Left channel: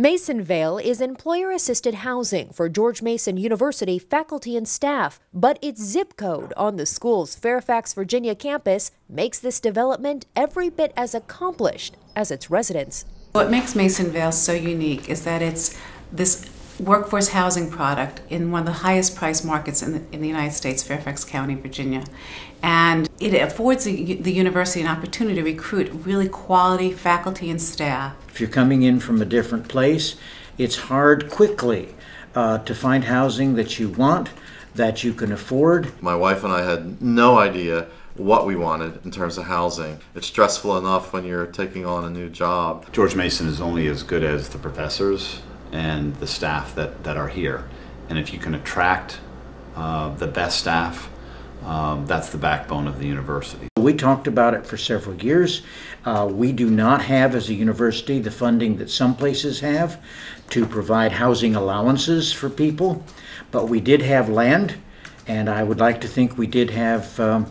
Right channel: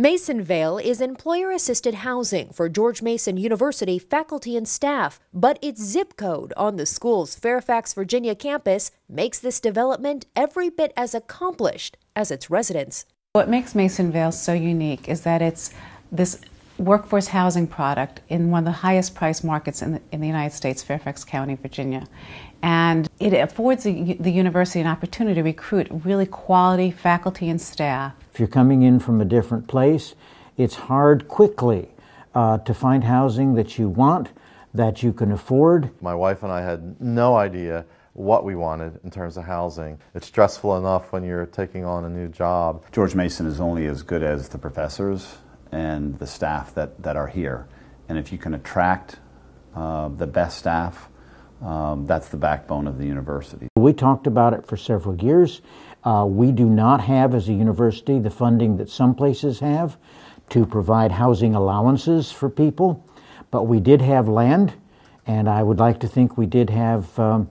Masonvale is employer-assisted housing for George Mason University faculty and staff, but its zip code on the school's Fairfax, Virginia campus makes this development every bit as accomplished as its residents. What makes Masonvale so unique is that it's this workforce housing product in one of the highest priced markets in the United States, Fairfax County, Virginia. And it affords the university an opportunity to recruit really quality faculty and staff. If you're coming in from a different place, it's hard quickly to find housing that you want, that you can afford. My wife and I had no idea what we wanted in terms of housing. It's stressful enough when you're taking on a new job. George Mason is only as good as the professors and the staff that are here. And if you can attract the best staff, that's the backbone of the university. We talked about it for several years. We do not have, as a university, the funding that some places have to provide housing allowances for people, but we did have land, and I would like to think we did have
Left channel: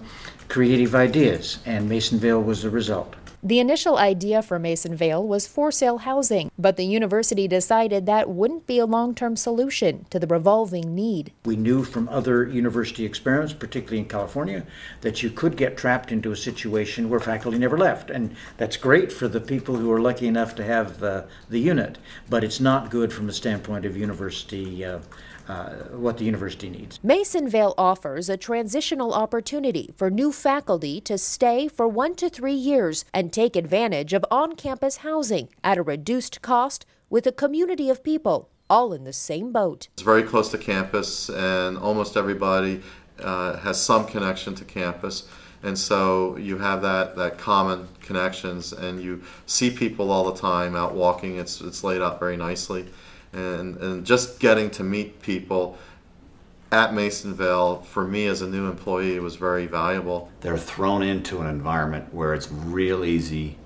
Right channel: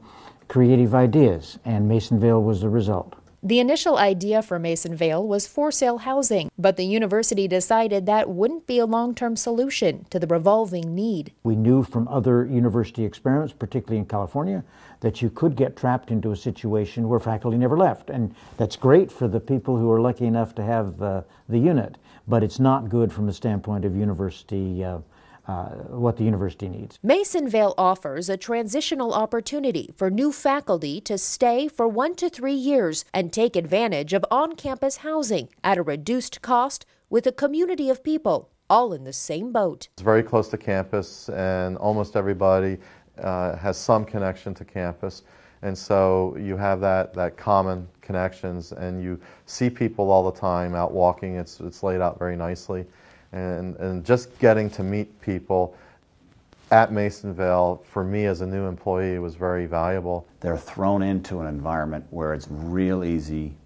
creative ideas, and Masonvale was the result. The initial idea for Masonvale was for-sale housing, but the university decided that wouldn't be a long-term solution to the revolving need. We knew from other university experiments, particularly in California, that you could get trapped into a situation where faculty never left, and that's great for the people who are lucky enough to have the unit, but it's not good from the standpoint of university what the university needs. Masonvale offers a transitional opportunity for new faculty to stay for 1 to 3 years and take advantage of on-campus housing at a reduced cost with a community of people all in the same boat. It's very close to campus, and almost everybody has some connection to campus. And so you have that common connections, and you see people all the time out walking. It's laid out very nicely. And just getting to meet people at Masonvale, for me as a new employee, was very valuable. They're thrown into an environment where it's real easy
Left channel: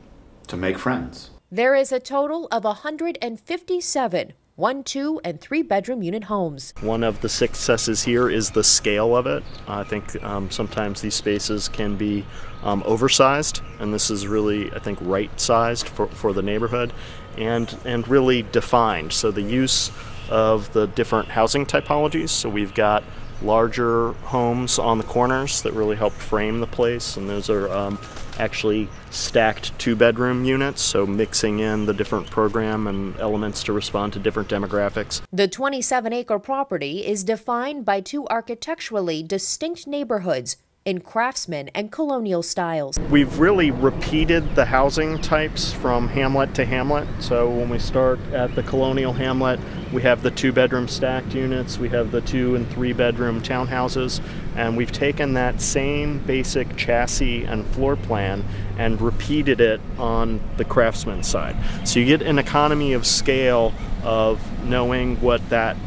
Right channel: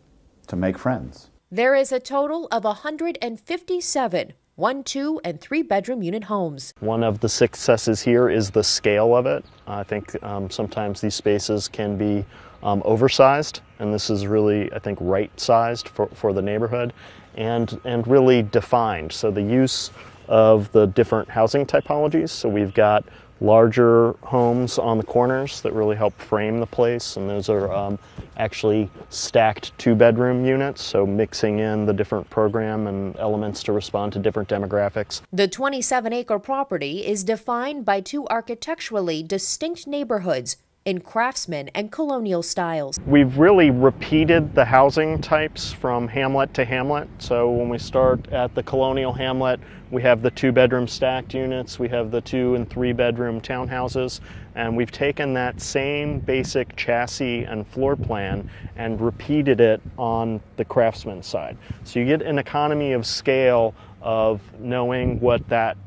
to make friends. There is a total of 157 1-, 2-, and 3-bedroom unit homes. One of the successes here is the scale of it. I think sometimes these spaces can be oversized, and this is really, I think, right-sized for the neighborhood and really defined. So the use of the different housing typologies. So we've got larger homes on the corners that really help frame the place, and those are actually stacked 2-bedroom units, so mixing in the different program and elements to respond to different demographics. The 27-acre property is defined by 2 architecturally distinct neighborhoods in craftsman and colonial styles. We've really repeated the housing types from hamlet to hamlet. So when we start at the colonial hamlet, we have the 2-bedroom stacked units, we have the 2- and 3-bedroom townhouses, and we've taken that same basic chassis and floor plan and repeated it on the craftsman side. So you get an economy of scale of knowing what that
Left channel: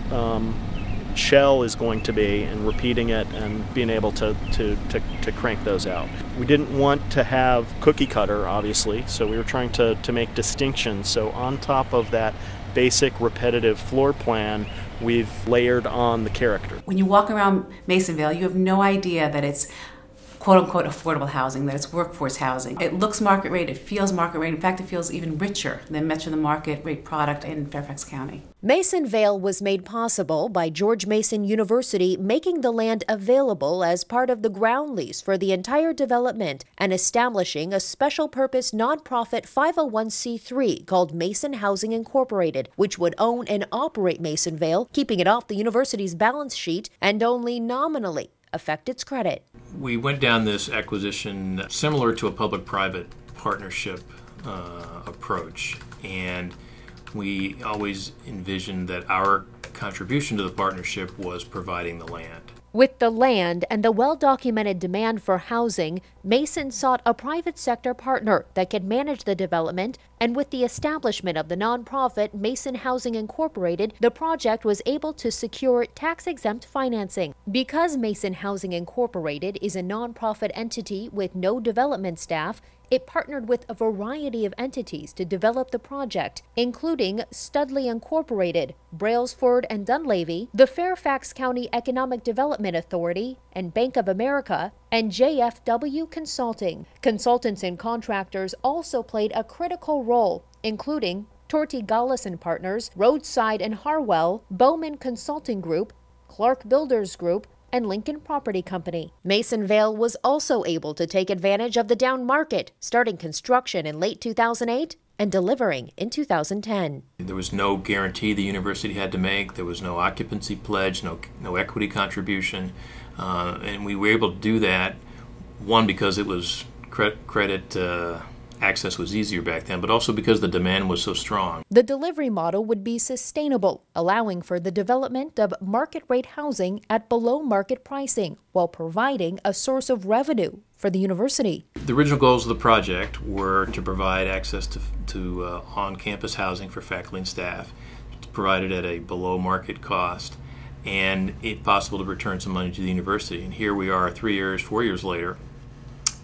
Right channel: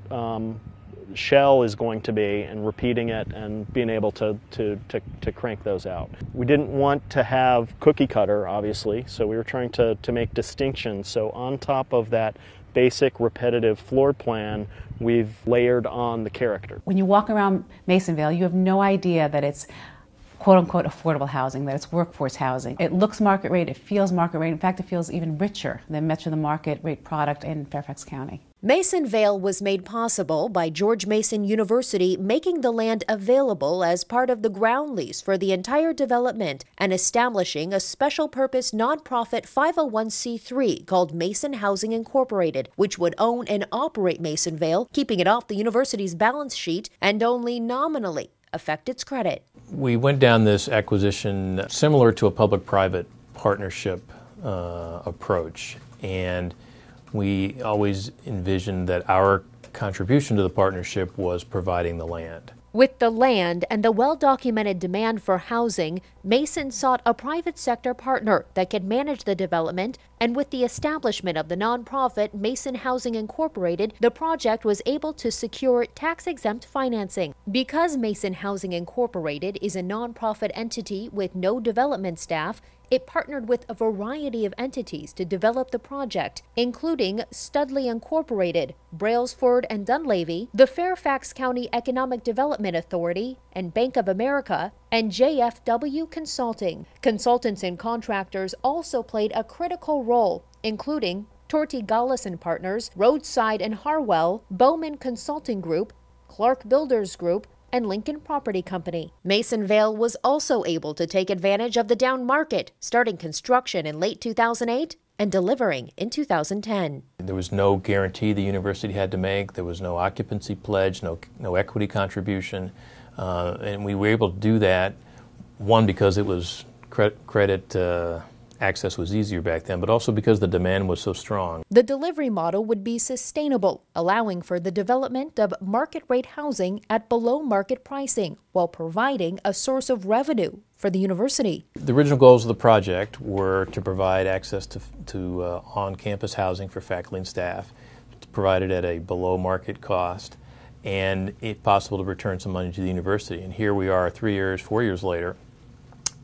shell is going to be and repeating it and being able to crank those out. We didn't want to have cookie cutter, obviously, so we were trying to make distinctions. So on top of that basic repetitive floor plan, we've layered on the character. When you walk around Masonvale, you have no idea that it's quote-unquote affordable housing, that it's workforce housing. It looks market rate, it feels market rate. In fact, it feels even richer than much of the market rate product in Fairfax County. Masonvale was made possible by George Mason University making the land available as part of the ground lease for the entire development and establishing a special-purpose nonprofit 501c3 called Mason Housing Incorporated, which would own and operate Masonvale, keeping it off the university's balance sheet and only nominally affect its credit. We went down this acquisition similar to a public-private partnership approach, and we always envisioned that our contribution to the partnership was providing the land. With the land and the well-documented demand for housing, Mason sought a private sector partner that could manage the development, and with the establishment of the nonprofit Mason Housing Incorporated, the project was able to secure tax-exempt financing. Because Mason Housing Incorporated is a nonprofit entity with no development staff, it partnered with a variety of entities to develop the project, including Studley Incorporated, Brailsford and Dunleavy, the Fairfax County Economic Development Authority, and Bank of America, and JFW Consulting. Consultants and contractors also played a critical role, including Torti Gallis and Partners, Roadside and Harwell, Bowman Consulting Group, Clark Builders Group, and Lincoln Property Company. Masonvale was also able to take advantage of the down market, starting construction in late 2008 and delivering in 2010. There was no guarantee the university had to make. There was no occupancy pledge, no equity contribution, and we were able to do that. One, because it was credit access was easier back then, but also because the demand was so strong. The delivery model would be sustainable, allowing for the development of market rate housing at below market pricing, while providing a source of revenue for the university. The original goals of the project were to provide access to on-campus housing for faculty and staff, provided at a below market cost, and if possible to return some money to the university. And here we are 4 years later,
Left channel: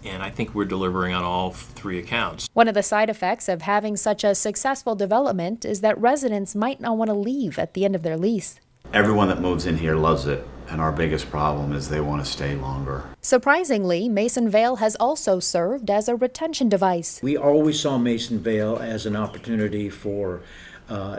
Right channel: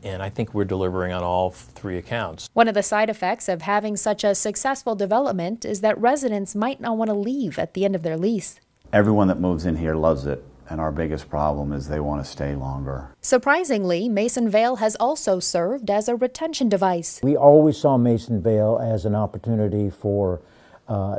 and I think we're delivering on all three accounts. One of the side effects of having such a successful development is that residents might not want to leave at the end of their lease. Everyone that moves in here loves it, and our biggest problem is they want to stay longer. Surprisingly, Masonvale has also served as a retention device. We always saw Masonvale as an opportunity for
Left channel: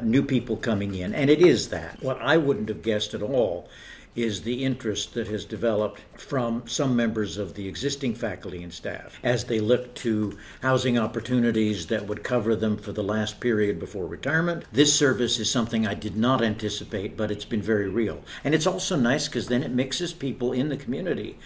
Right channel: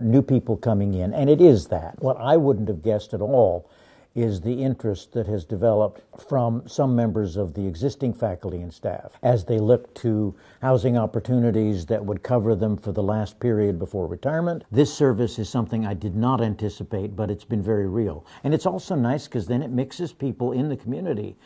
new people coming in, and it is that. What I wouldn't have guessed at all is the interest that has developed from some members of the existing faculty and staff as they look to housing opportunities that would cover them for the last period before retirement. This service is something I did not anticipate, but it's been very real. And it's also nice because then it mixes people in the community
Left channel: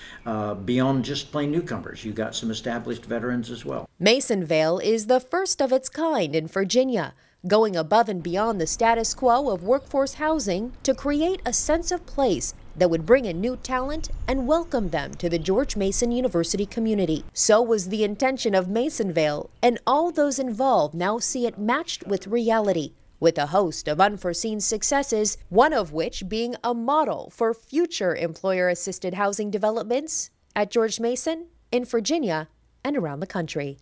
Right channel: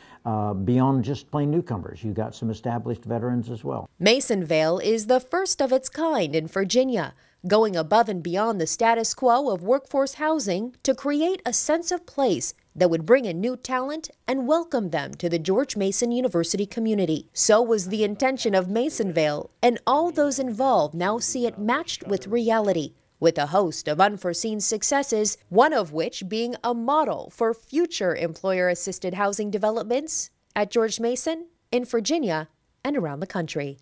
beyond just plain newcomers. You got some established veterans as well. Masonvale is the first of its kind in Virginia, going above and beyond the status quo of workforce housing to create a sense of place that would bring in new talent and welcome them to the George Mason University community. So was the intention of Masonvale, and all those involved now see it matched with reality, with a host of unforeseen successes, one of which being a model for future employer-assisted housing developments at George Mason, in Virginia, and around the country.